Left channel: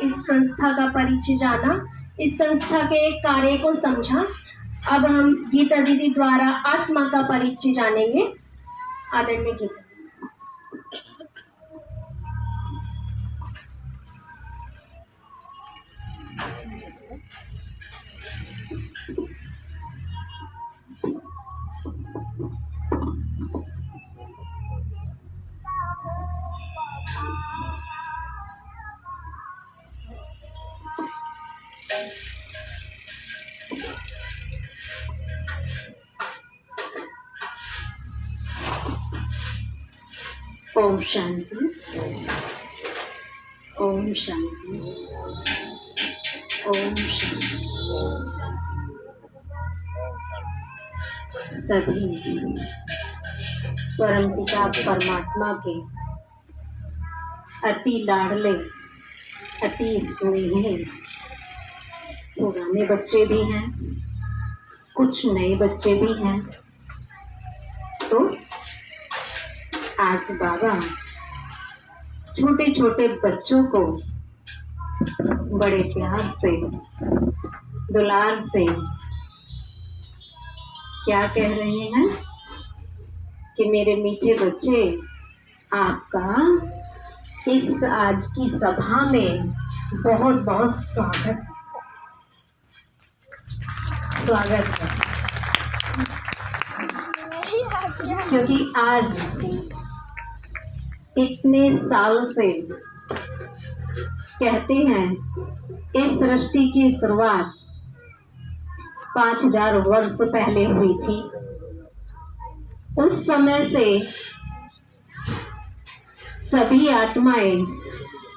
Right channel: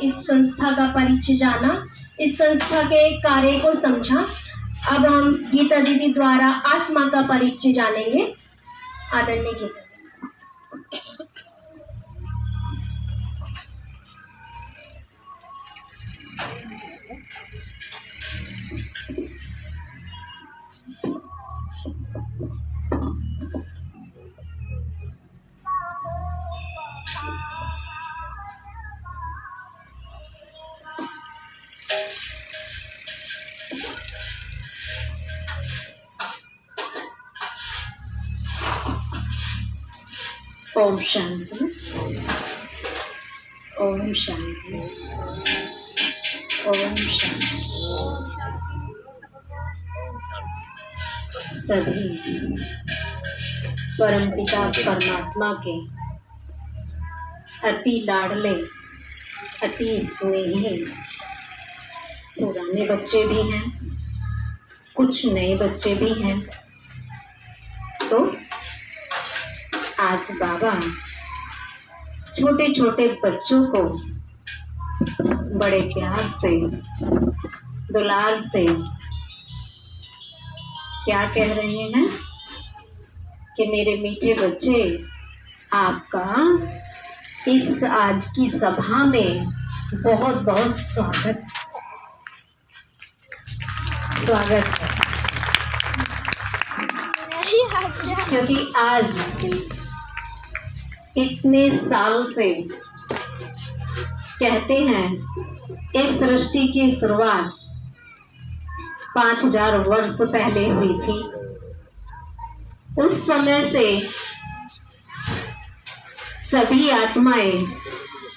इस संस्था का परिचय जाना, इस संस्था के कार्य को समझा। अब हम गीता दीदी द्वारा आत्मा का परिचय जानेंगे। आदरणीय गीता। ओम शांति, ओम शांति, ओम शांति। सभी परमपिता परमात्मा के अति लाडले, अति स्नेही पुराने बच्चे भी हैं, कुछ नए बच्चे भी हैं। तो आज बाबा छोटे छोटे बच्चों को बड़े प्यार से, दुलार से क्या कह रहे हैं कि मेरे मीठे बच्चे, आपका इस आज की सभा में बहुत बहुत स्वागत है। क्योंकि आज इतने साल से कहते हैं इस सृष्टि की शुरुआत 5000 वर्ष पहले हुई थी। उस समय से सभी आत्माएं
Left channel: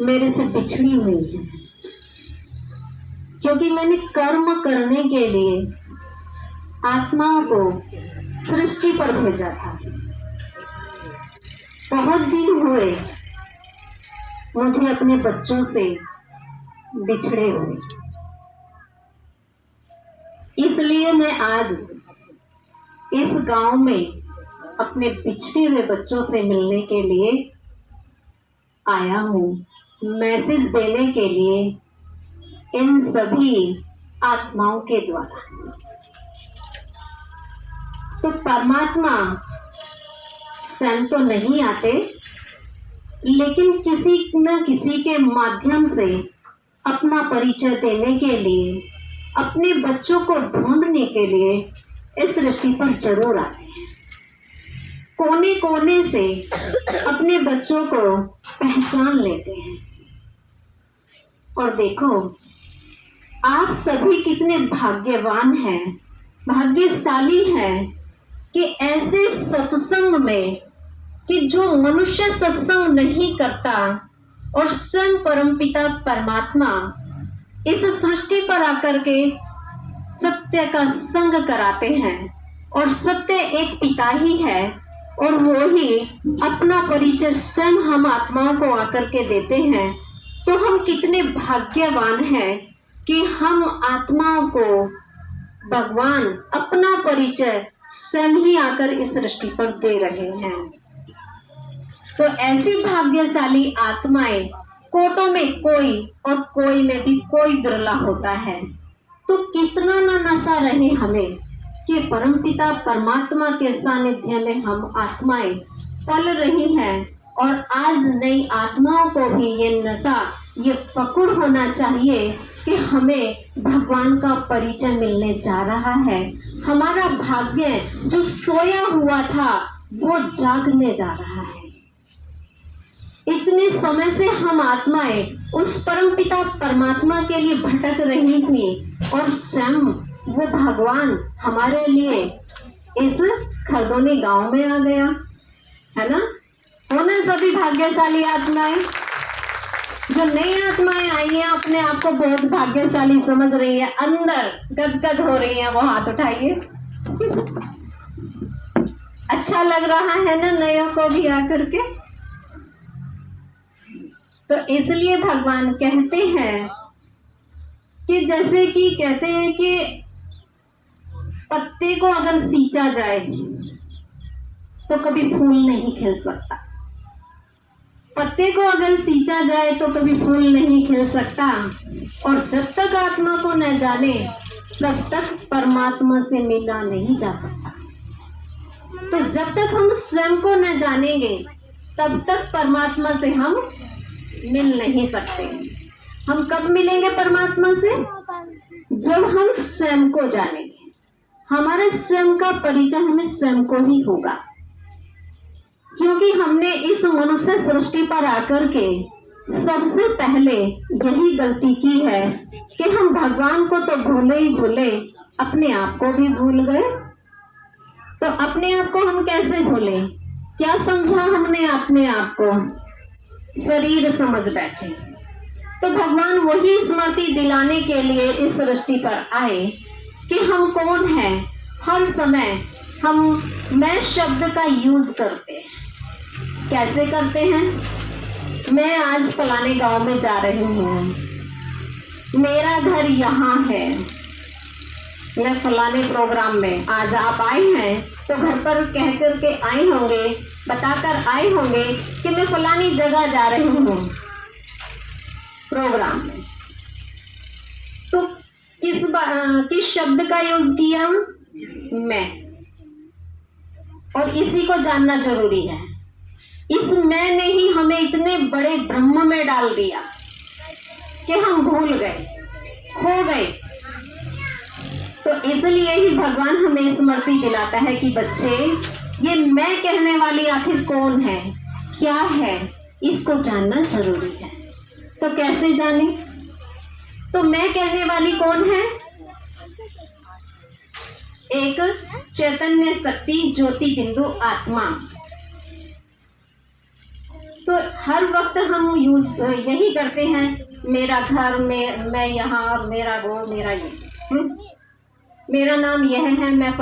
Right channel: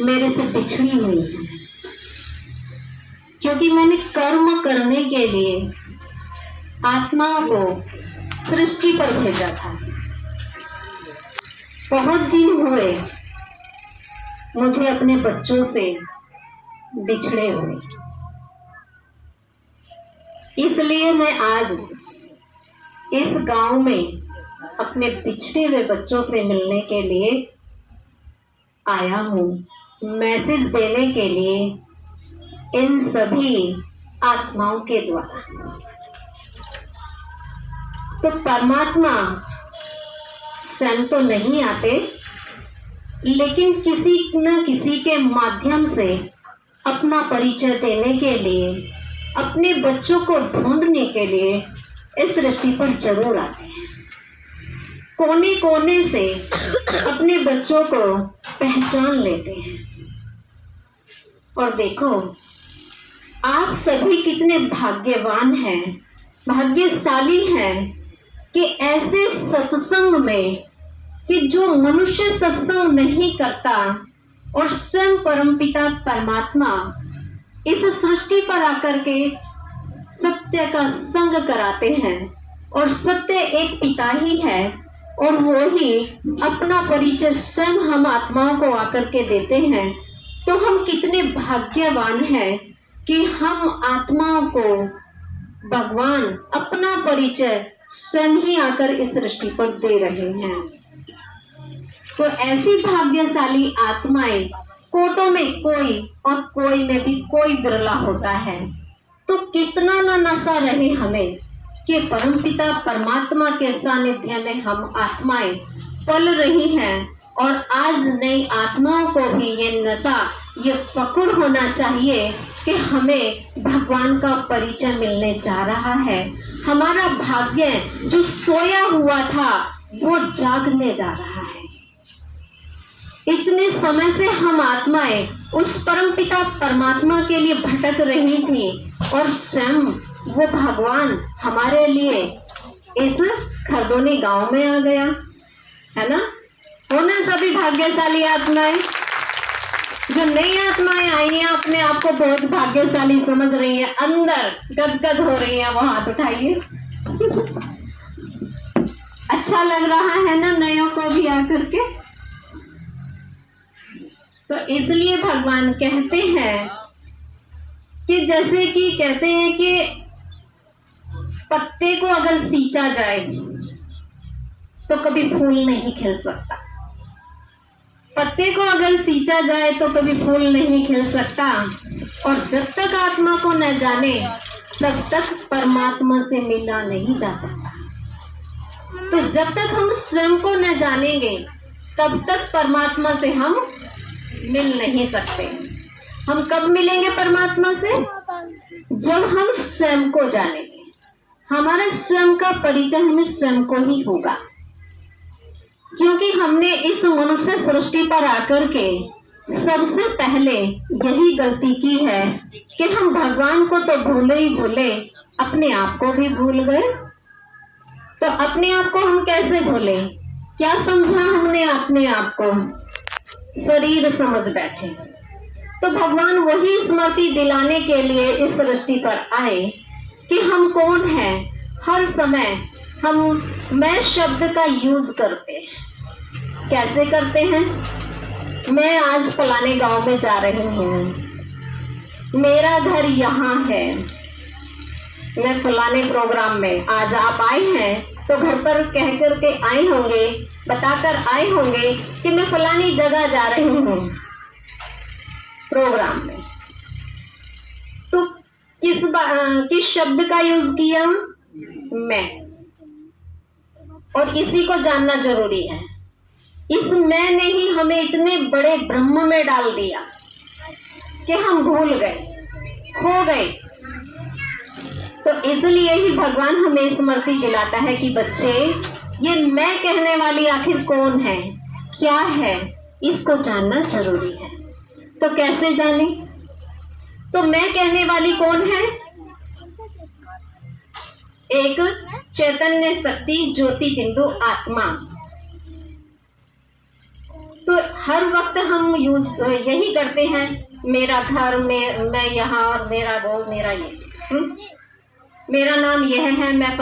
मेरे से बिछड़ी हुई हैं, क्योंकि मैंने कर्म करने के लिए आत्माओं को सृष्टि पर भेजा था। बहुत दिन हुए मुझे अपने बच्चों से बिछड़े हुए, इसलिए मैं आज इस गांव में अपने बिछड़े हुए बच्चों से मिलने के लिए आया हूँ, मैसेज देने के लिए इन सभी आत्माओं के द्वारा। तो परमात्मा स्वयं तो नहीं आते, लेकिन किसी न किसी के माध्यम से अपना परिचय देने के लिए, अपने बच्चों को ढूंढने के लिए इस सृष्टि पर जरूर आते हैं। कोने कोने से अपने बच्चों को पहचान लेते हैं। और देखो, आप सभी कितने भाग्यवान हैं, भाग्यशाली हैं कि ऐसे सत्संग में, कि जो मनुष्य सत्संग नहीं करता और स्वयं परमपिता परमात्मा इस सृष्टि पर आकर के सत्य का संग कराते हैं। और सत्य एक पिता ही है, और वो ही अपना परिचय स्वयं हम आत्माओं को आकर के देते हैं। तो हम कितने भाग्यवान हैं कि हम आत्माओं को भगवान अपना परिचय स्वयं ही आकर इस सृष्टि पर दे रहे हैं। तो ऐसी भाग्यशाली आत्माएं कोटों में कोई, और कोई में भी कोई बिरला होता है। तो कितना न नशा रहे हमें कि परमपिता परमात्मा के सानिध्य में हम आत्माएं पल रही हैं। और आज नई आत्माओं को भी ये नशा, ये पकड़ होना चाहिए कि हमें भगवान का परिचय मिलने जा रहा है। हमारा भाग्य जो सोया हुआ था वो जागने जा रहा है। इतने समय से हम आत्माएं उस परमपिता परमात्मा के लिए भटक रही थी, और स्वयं वो भगवान हमारे लिए इस खरदोनी गांव में आ गया, है ना। होना सभी भाग्यशाली आत्माएं। जो नई आत्माएं आई हैं अपने आप को बहुत भाग्यशाली समझ रही हैं, अंदर गदगद हो रही हैं, वो हाथ उठाइए। अच्छा लग रहा है ना नयों को भी आकर के। तो इसलिए भगवान कहते हैं कि जैसे कि कहते हैं कि पत्ते को अगर सींचा जाए तो कभी फूल नहीं खिल सकता। पत्ते को अगर सींचा जाए तो कभी फूल नहीं खिल सकता, और जब तक आत्मा को न जाने तब तक परमात्मा से मिला नहीं जा सकता। तो जब तक हम स्वयं को न जानेंगे तब तक परमात्मा से हम मिल नहीं सकते। हम कब मिलेंगे परमात्मा से? जब हम स्वयं को जानेंगे। हमारे स्वयं का परिचय हमें स्वयं को ही होगा, क्योंकि हमने इस मनुष्य सृष्टि पर आकर के सबसे पहले यही गलती की है कि हम भगवान को तो भूले ही भूले, अपने आप को भी भूल गए। तो अपने आप को हम कैसे भूले? क्या समझा हमने अपने आप को? शरीर समझ बैठे। तो भगवान वही स्मृति दिलाने के लिए इस सृष्टि पर आए कि हम कौन हैं। हर समय हम मैं शब्द का यूज करते हैं। कैसे करते हैं? मैं आज फलाने गांव में जा रही हूँ, मेरा घर यहाँ है, मैं फलाने प्रोग्राम में, आज आप आए हैं तो घर पर कह करके आए होंगे, बताकर आए होंगे कि मैं फलानी जगह जा रही हूँ प्रोग्राम में। तो किस शब्द का यूज किया? मैं। और इसी को जानना जरूरी है। इस मैं ने ही हमें इतने बड़े ब्रह्म में डाल दिया कि हम भूल गए, खो गए। तो इसलिए ही भगवान हमें स्मृति दिलाता है कि बच्चे, ये मैं कहने वाली आखिर कौन है, क्या है, इसको जानना जरूरी है। तो कैसे जाने? तो मैं कहने वाली कौन है? एक चैतन्य शक्ति, ज्योति बिंदु आत्मा। तो हर वक्त हम यूज यही करते हैं, मेरा घर, मैं यहाँ, और मेरा वो, मेरा ये, मेरा नाम यह है, मैं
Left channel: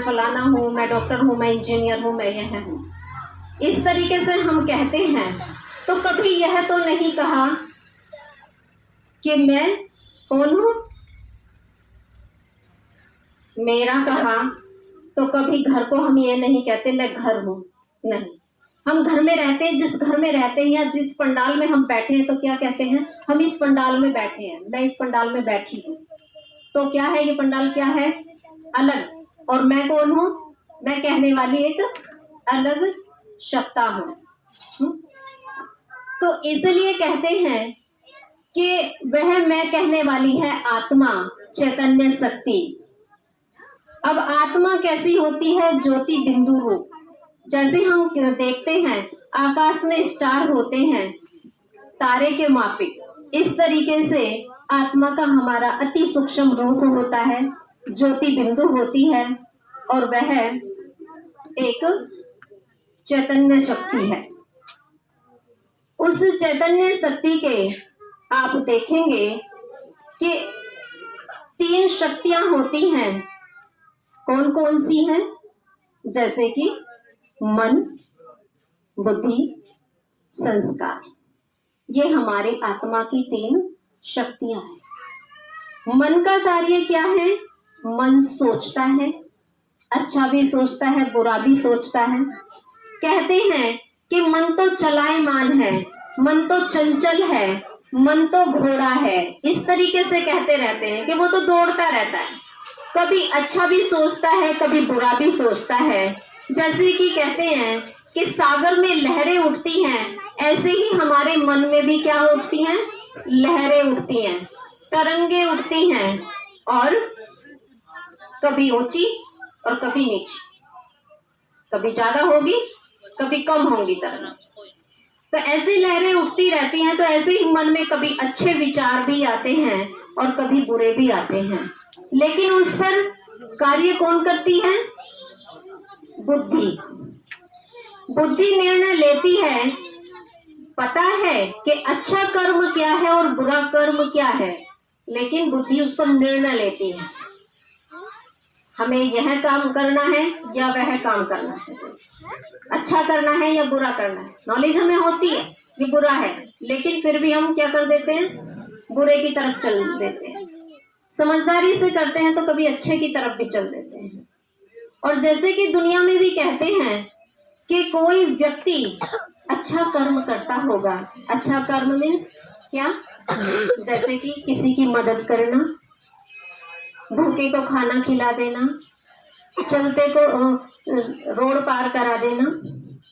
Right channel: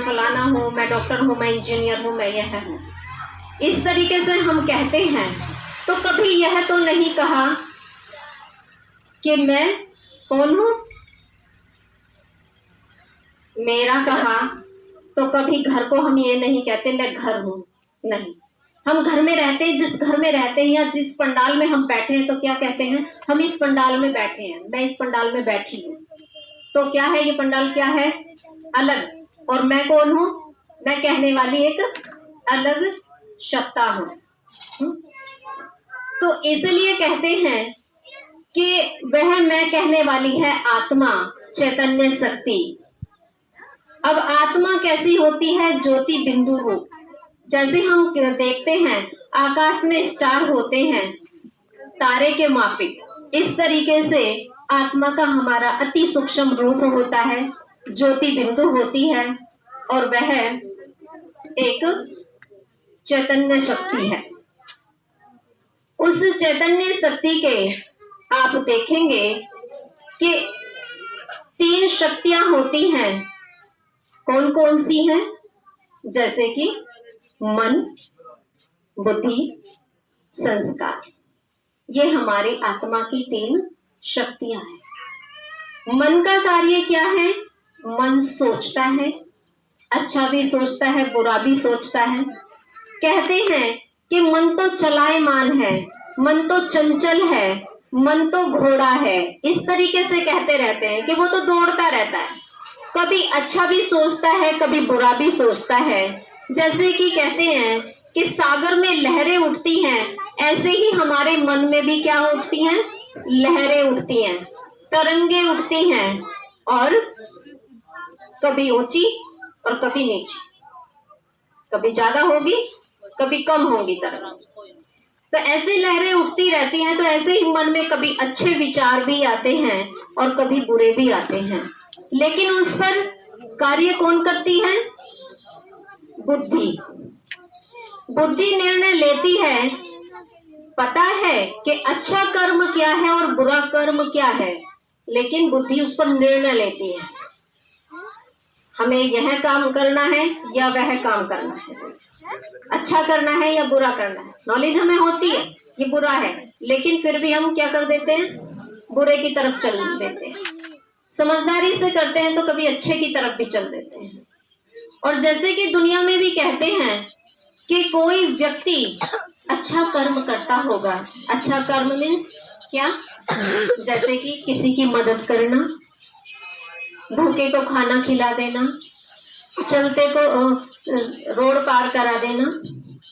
फलाना हूँ, मैं डॉक्टर हूँ, मैं इंजीनियर हूँ, मैं यह हूँ। इस तरीके से हम कहते हैं। तो कभी यह तो नहीं कहा कि मैं कौन हूँ। मेरा कहा तो कभी घर को हम ये नहीं कहते मैं घर हूँ, नहीं। हम घर में रहते हैं, जिस घर में रहते हैं या जिस पंडाल में हम बैठे हैं तो क्या कहते हैं? हम इस पंडाल में बैठे हैं, मैं इस पंडाल में बैठी हूँ। तो क्या है ये पंडाल? क्या है? अलग। और मैं कौन हूँ? मैं कहने वाली एक अलग सत्ता हूँ। तो इसलिए कहते हैं कि वह मैं कहने वाली है आत्मा, चैतन्य शक्ति। अब आत्मा कैसी होती है? ज्योति बिंदु रूप। जैसे हम देखते हैं आकाश में स्टार होते हैं, तारे के माफिक, इस तरीके से आत्मा का हमारा अति सूक्ष्म रूप होता है, ज्योति बिंदु होती है, और वह एक चैतन्य शक्ति है। उस चैतन्य शक्ति के आप देखेंगे कि 3 शक्तियां होती हैं। कौन कौन सी हैं? जैसे कि मन, बुद्धि, संस्कार। ये हमारी आत्मा की 3 शक्तियां हैं। मन का कार्य क्या है? मन सोचता है, अच्छा भी सोचता है, बुरा भी सोचता है। कहते हैं कि मन तो चलायमान है, मन तो चंचल है, मन तो घोड़ा है। इस तरीके से कहते रहते हैं कि वो तो दौड़ता रहता है, कभी अच्छा भी सोचता है, कभी बुरा भी सोचता है। जैसे कि कहते हैं कि सागर में लहरें उठती हैं, ऐसे ही हमारे मन में भी क्या उठती हैं? लहरें उठती हैं, तरंगे उठती हैं, और कभी ऊंची और कभी नीची, कभी ज्यादा होगी, कभी कम होगी तरंग। तो ऐसे लहरें उठती रहती हैं। तो ऐसे ही मन में कभी अच्छे विचार भी आते हैं और कभी बुरे भी आते हैं, लेकिन उस पर कार्य कौन करती है? बुद्धि। बुद्धि निर्णय लेती है, पता है कि अच्छा कर्म क्या है और बुरा कर्म क्या है, लेकिन बुद्धि उस पर निर्णय लेती है, हमें यह काम करना है या वह काम करना है, अच्छा करना है या बुरा करना है। नॉलेज हमें होती है ये बुरा है, लेकिन फिर भी हम क्या कर देते हैं? बुरे की तरफ चल देते हैं। समझदारी से करते हैं तो कभी अच्छे की तरफ भी चल देते हैं। और जैसे कि दुनिया में भी कहते हैं कि कोई व्यक्ति अच्छा कर्म करता होगा। अच्छा कर्म मीन्स क्या? जैसे कि किसी की मदद करना, भूखे को खाना खिला देना, चलते को रोड पार करा देना,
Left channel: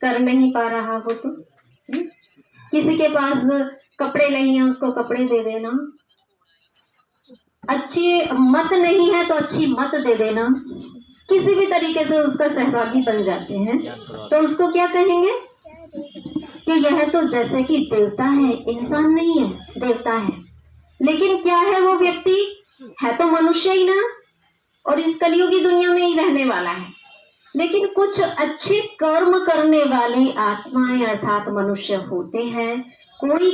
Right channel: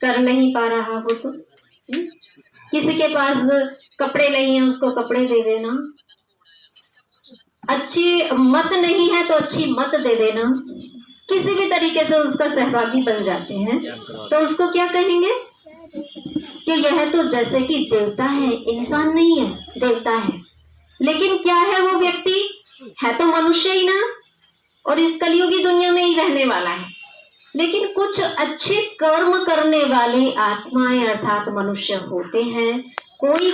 कर नहीं पा रहा हो तो किसी के पास कपड़े नहीं है उसको कपड़े दे देना, अच्छी मत नहीं है तो अच्छी मत दे देना, किसी भी तरीके से उसका सहभागी बन जाते हैं तो उसको क्या कहेंगे कि यह तो जैसे कि देवता है, इंसान नहीं है, देवता है। लेकिन क्या है वो व्यक्ति? है तो मनुष्य ही ना, और इस कलयुगी दुनिया में ही रहने वाला है। लेकिन कुछ अच्छे कर्म करने वाले आत्माएं अर्थात मनुष्य होते हैं, कोई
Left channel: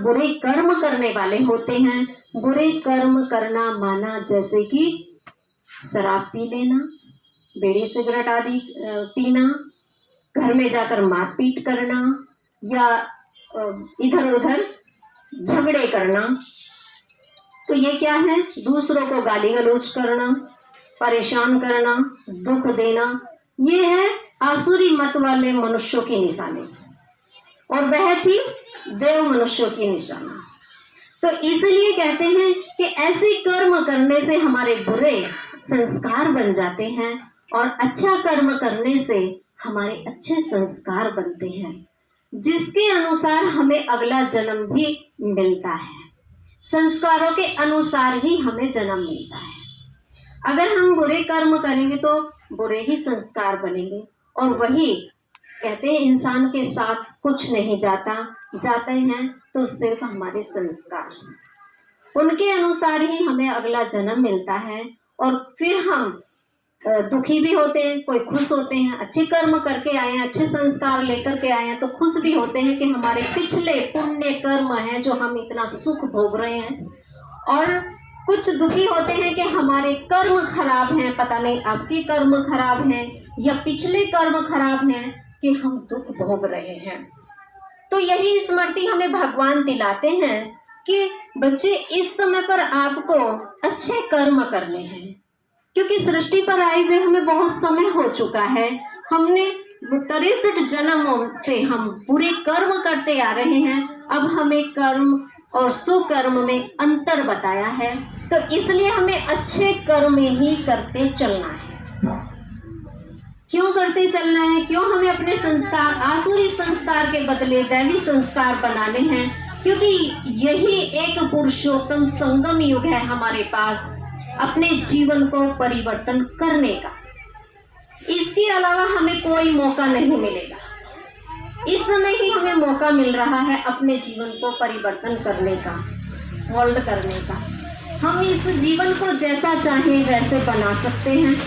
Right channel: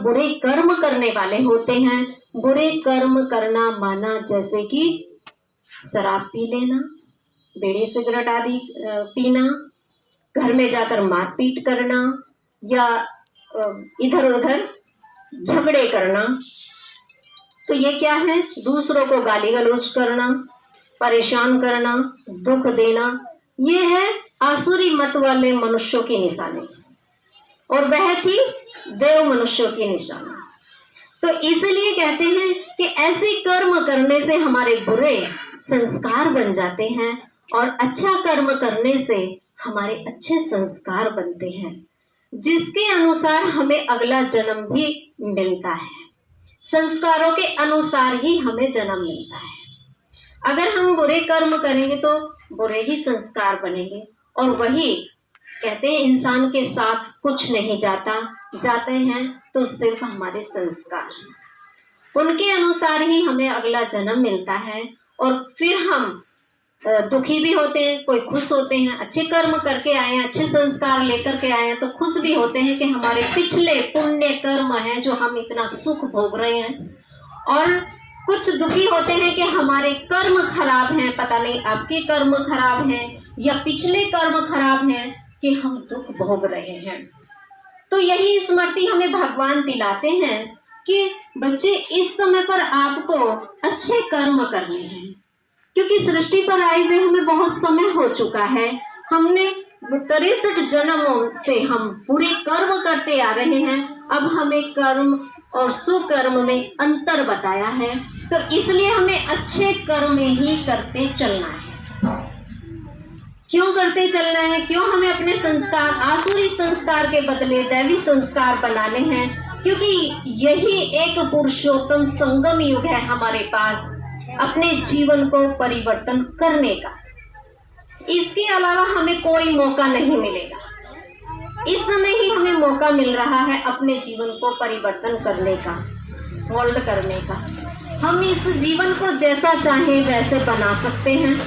बुरे कर्म करने वाले होते हैं। बुरे कर्म करना माना जैसे कि शराब पी लेना, बीड़ी सिगरेट आदि पीना, घर में जाकर मारपीट करना या इधर उधर झगड़े करना। तो ये क्या है? दूसरों को गाली गलौज करना, परेशान करना, दुख देना, ये है आसुरी मत वाले मनुष्यों की निशानी, और वह थी देव मनुष्यों की निशानी। तो इसलिए कहते हैं कि ऐसे कर्म करने से हमारे बुरे संस्कार बन जाते हैं और अच्छा कर्म करने से हमारे अच्छे संस्कार बनते हैं, जिसके अनुसार हमें अगला जन्म भी मिलता है। संस्कारों के अनुसार ही हमें जन्म मिलता है। अगर हम बुरे कर्म करेंगे तो बुरे ही संस्कार बनेंगे, और वही कहते हैं इंसान के साथ कुछ नहीं जाता, जाते हैं तो सिर्फ हमारे संस्कार, उनके अनुसार ही हमें अगला जन्म मिलता है। और फिर हम दुखी भी होते हैं, कोई खुश होते हैं, अच्छे कर्म करके आए हैं, अच्छे संस्कार लेकर के आए हैं तो खुश भी होते हैं कि हमारे पिछले पुण्य कर्म हैं जो हम इतना सुख भोग रहे हैं, और कुछ दुखी होते हैं कि हमारे कर्म खराब हैं, पता नहीं आपके कर्म खराब हैं या पिछले कर्म खराब हैं कि हम दुख भोग रहे हैं। तो यही स्मृति हमें भगवान दिलाते हैं कि बच्चे इस समय पर आपको अच्छे कर्म करने हैं, क्योंकि सृष्टि पर आए हुए हमें बहुत समय हो चुका है। हमने 63 जन्मों से हम पूरे कर्म करते आ रहे हैं। अब हमें कर्म और सुकर्म में अंतर बताया है, तो इसलिए हमें अच्छे कर्म ही करते चलना है। क्यों करते चलना है? क्यों हमें अपने संस्कार आसुरी संस्कार के बदले दैवी संस्कार बनाने हैं? क्योंकि यही एक पुरुषोत्तम संगम युग है हमारे पास अपने जीवन को परिवर्तन करने का। इसके अलावा हमें कोई मौका नहीं मिलेगा। इस समय ही हमें मौका मिल रहा है अपने जीवन को परिवर्तन करने का, होल्ड करने का। हम इस जीवन को जैसा चाहे वैसे बना सकते हैं,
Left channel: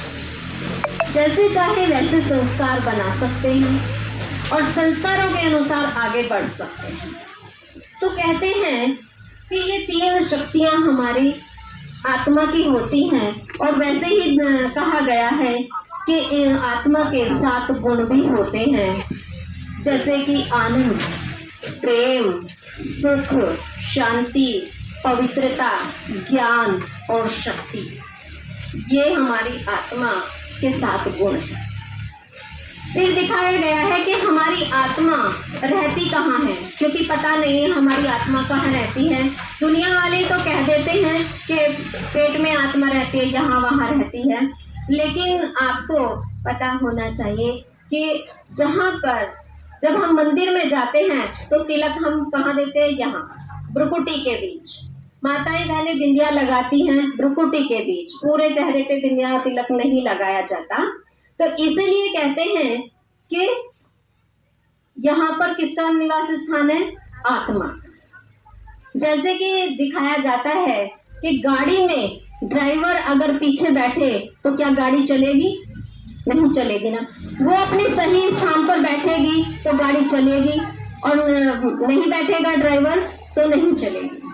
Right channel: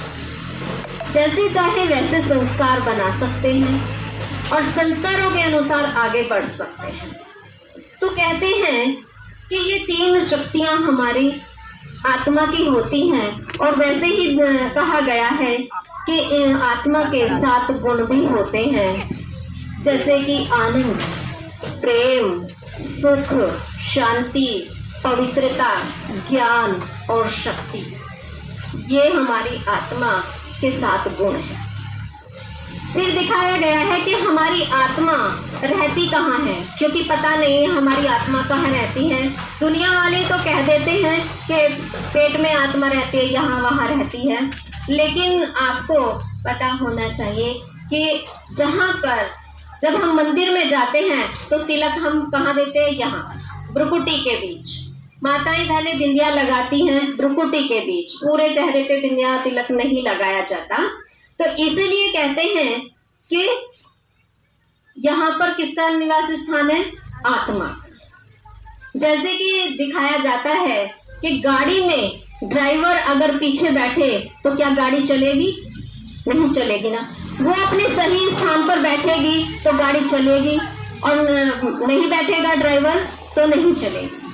जैसे चाहे वैसे संस्कार बना सकते हैं और संस्कारों के अनुसार आगे बढ़ सकते हैं। तो कहते हैं कि ये 3 शक्तियां हमारी आत्मा की होती हैं, और वैसे ही कहा गया है कि आत्मा के 7 गुण भी होते हैं, जैसे कि आनंद, प्रेम, सुख, शांति, पवित्रता, ज्ञान और शक्ति। ये हमारी आत्मा के 7 गुण हैं। फिर दिखाया गया है कि हमारी आत्मा रहती कहाँ है, क्योंकि पता नहीं है हमारी आत्मा कहाँ रहती है। दुनिया वाले तो कह देते हैं कि पेट में आत्मा रहती है, यहाँ वहाँ रहती है, लेकिन आपको पता होना चाहिए कि जहाँ पर जब हम मंदिर में जाते हैं तो तिलक हम कहाँ देते हैं? यहाँ भ्रुकुटी के बीच। माताएं बहनें बिंदिया लगाती हैं भ्रुकुटी के बीच, पूरे चेहरे पे बिंदिया तिलक नहीं लगाया जाता। तो इसलिए कहते हैं कि यहाँ पर किसका निवास स्थान है? आत्मा। जैसे कि दिखाया जाता है कि गाड़ी में ड्राइवर अगर पीछे बैठे तो क्या गाड़ी चलेगी? नहीं चलेगी ना। वो अपने सही स्थान पर बैठेगी तो गाड़ी चलेगी, और नहीं बैठेगा ड्राइवर तो नहीं चलेगी।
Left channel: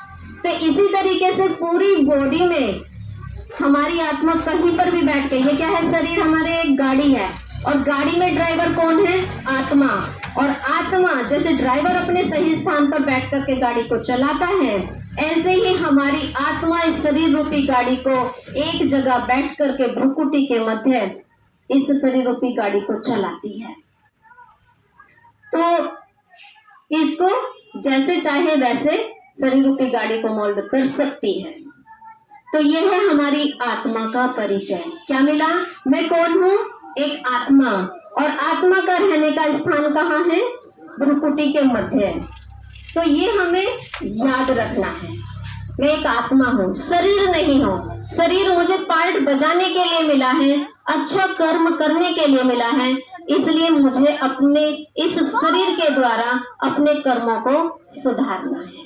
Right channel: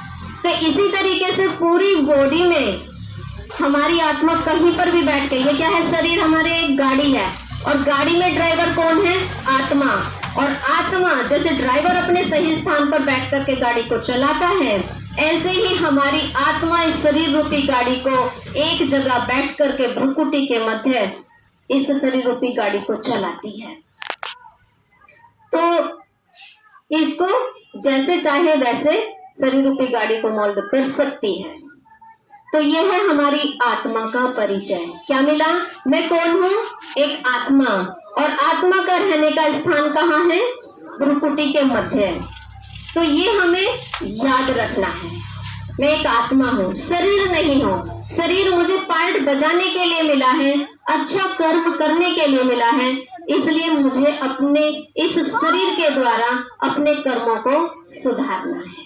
तो इसी तरीके से पूरी बॉडी में हमारी आत्मा कहीं पर भी बैठ गई। ये क्या है? शरीर हमारे एक गाड़ी है, और गाड़ी में ड्राइवर कौन है? आत्मा। और आत्मा जैसे ड्राइवर अपने सही स्थान पर बैठ करके गाड़ी को चलाता है, ऐसे ही हमारी आत्मा इस शरीर रूपी गाड़ी को एक जगह बैठ करके भ्रुकुटी के मध्य इस शरीर रूपी गाड़ी को चलाती है। तो इसको जैसे चाहे वैसे शरीर रूपी गाड़ी को मोल्ड कर सकती है। तो यह है हमारी आत्मा का परिचय। क्या मिला? मैं कौन हूँ? एक आत्मा। और आत्मा का रहने का स्थान कहाँ है? भ्रुकुटी के मध्य। तो ये हमें याद रखना है। मैं एक आत्मा हूँ, शरीर नहीं हूँ। शरीर मुझे पार्ट बजाने के लिए मिला है, अच्छा कर्म करने के लिए मिला है, इसलिए मुझे अपने इस शरीर के द्वारा अपने कर्मों को सुधारना है,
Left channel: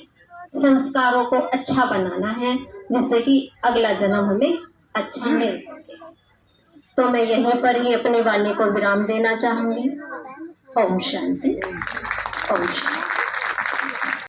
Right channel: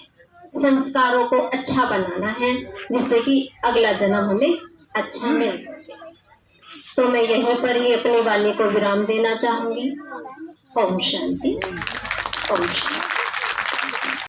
संस्कारों को अच्छा बनाना है, जिससे कि अगला जन्म हमें अच्छा मिल सके। तो मैं यहीं पर ही अपनी वाणी को विराम देना चाहूंगी। ओम शांति। ओम शांति।